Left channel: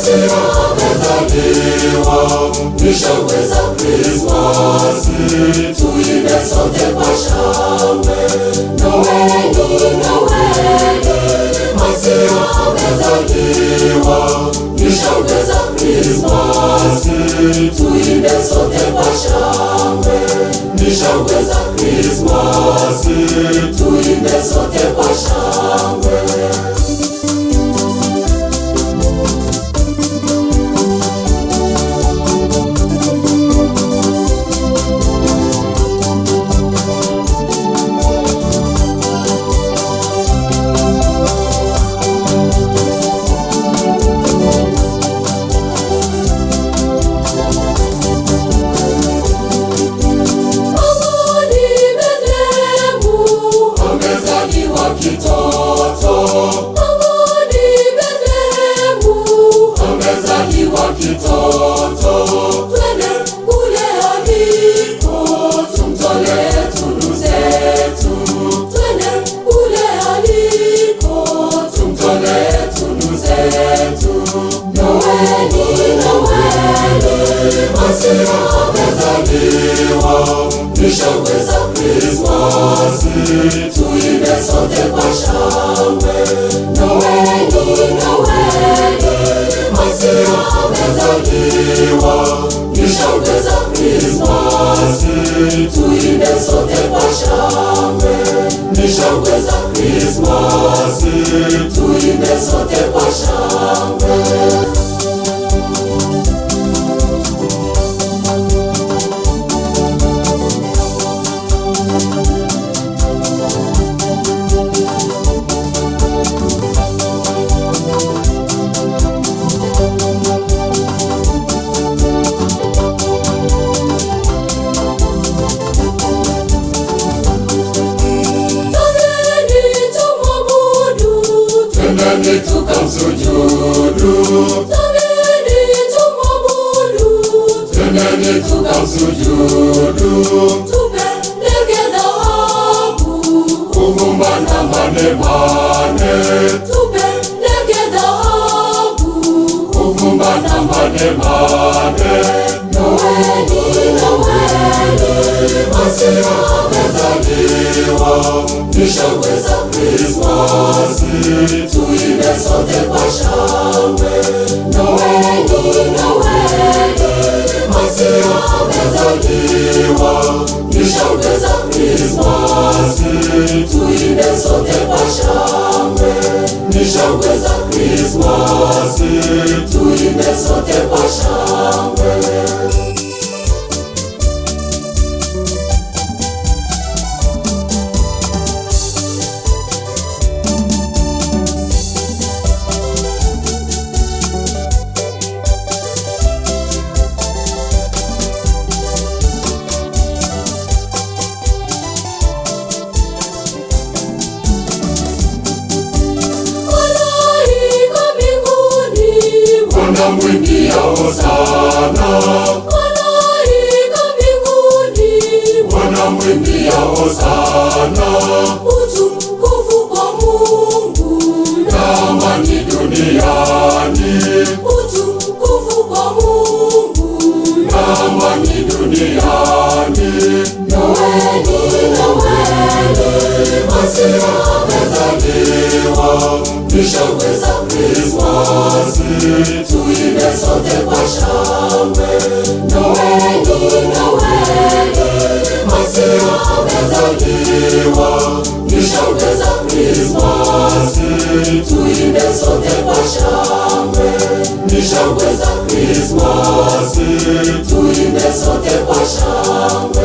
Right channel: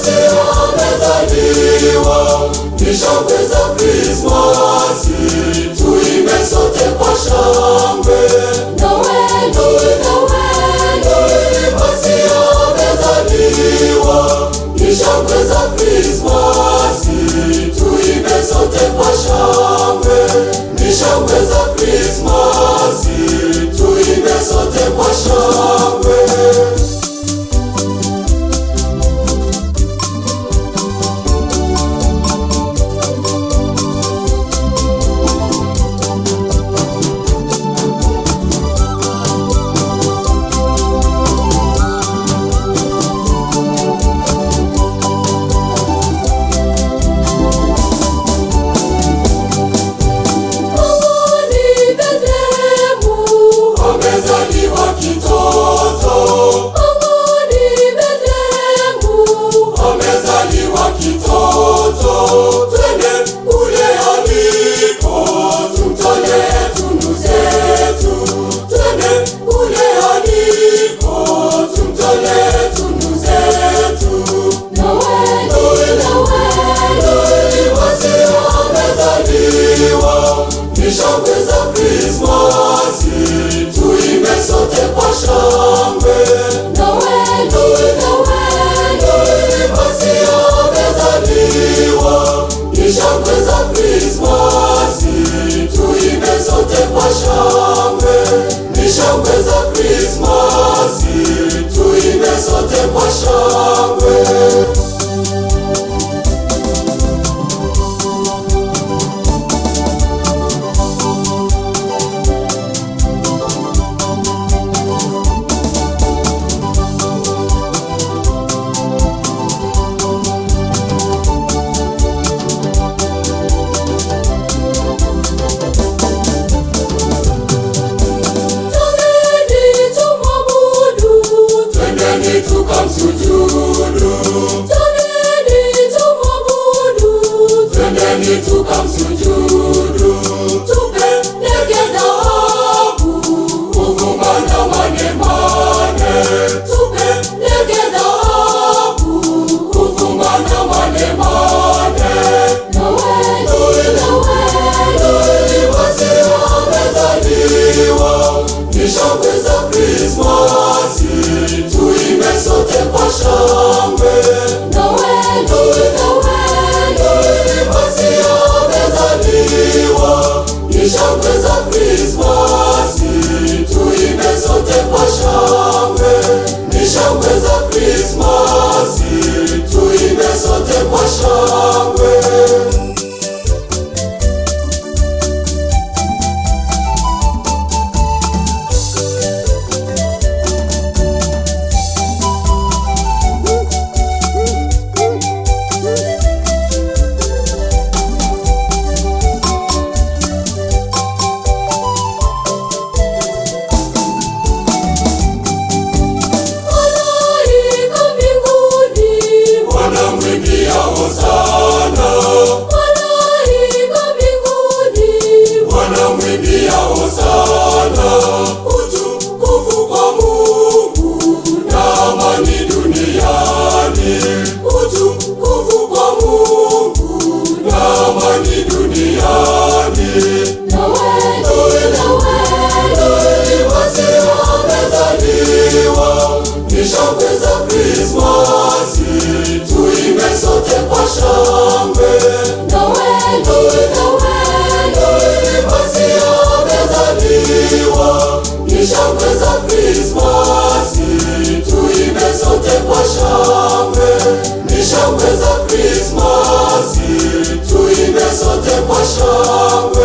Masiya amezaliwa, ni shangwe za Krismasi, tuimbe sote kwa shangwe. Noeli, Noeli, Masiya amezaliwa, ni shangwe za Krismasi, tuimbe sote kwa shangwe. Ni shangwe za Krismasi, tuimbe sote kwa shangwe. Ni shangwe za Krismasi, tuimbe sote kwa shangwe. Noeli, Noeli, Masiya amezaliwa, ni shangwe za Krismasi, tuimbe sote kwa shangwe. Ni shangwe za Krismasi, tuimbe sote kwa shangwe. Twendeni tukamsujudu, twendeni tumwabudu, twendeni tukamsujudu. Tupeleke dhahabu, uvumba na manemane. Tupeleke dhahabu, uvumba na manemane. Noeli, Noeli, Masiya amezaliwa, ni shangwe za Krismasi, tuimbe sote kwa shangwe. Noeli, Noeli, Masiya amezaliwa, ni shangwe za Krismasi, tuimbe sote kwa shangwe. Ni shangwe za Krismasi, tuimbe sote kwa shangwe. Wanamwimbia hosana, utukufu kwa Mungu na amani duniani. Utukufu kwa Mungu na amani duniani. Noeli, Noeli, Masiya amezaliwa, ni shangwe za Krismasi, tuimbe sote kwa shangwe. Noeli, Noeli, Masiya amezaliwa, ni shangwe za Krismasi, tuimbe sote kwa shangwe. Ni shangwe za Krismasi, tuimbe sote kwa shangwe.